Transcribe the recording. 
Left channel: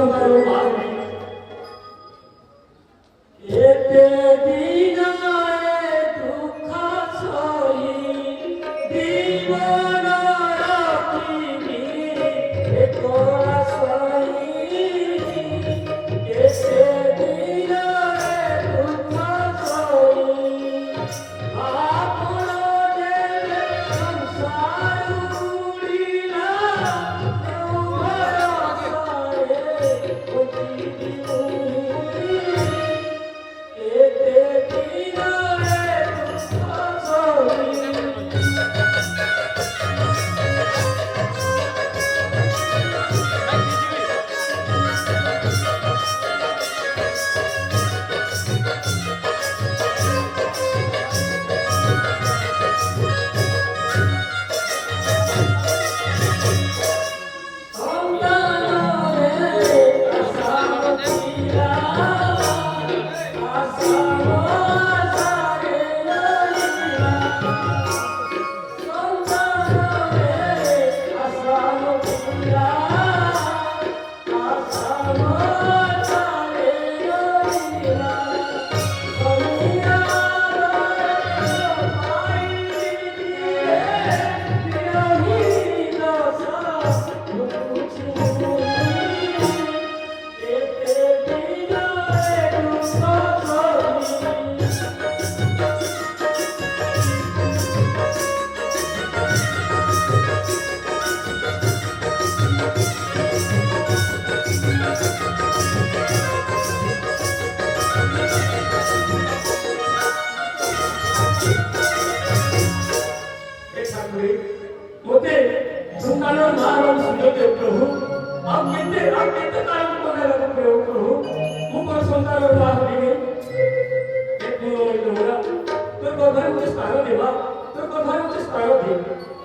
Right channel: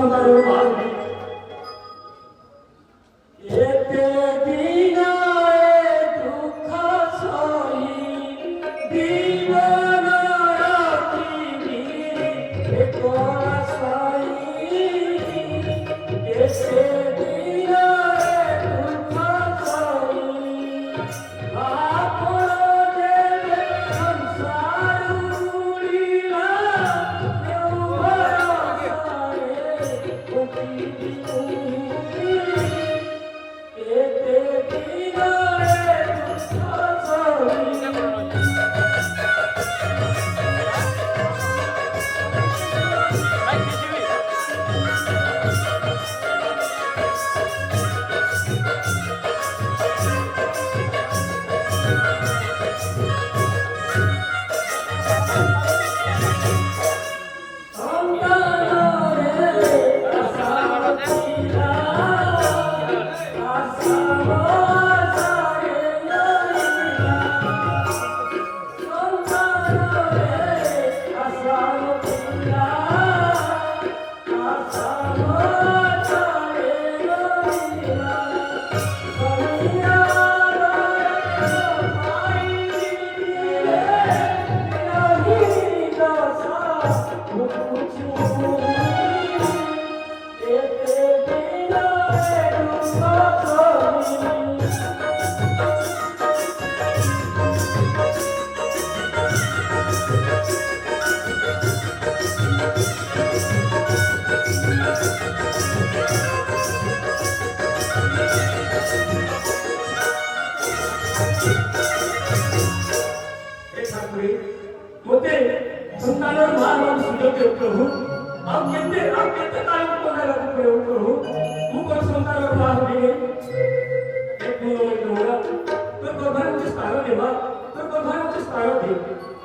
संसारावर मागणी येते दिनाळे दुःख सोयी जीवना रात्री गिरी कोणा स्वाई येते दिनाळे दुःख सोयी आपण देवे संसार उडीला देव भरोसाळे होती होते संतानावर महाराज सुंदर प्रभु आप कितने कायम वगैरह प्रभु मुकर संतानावर महाराज एक होगा तो को घर में स्थान देवा तो को घर में स्थान दे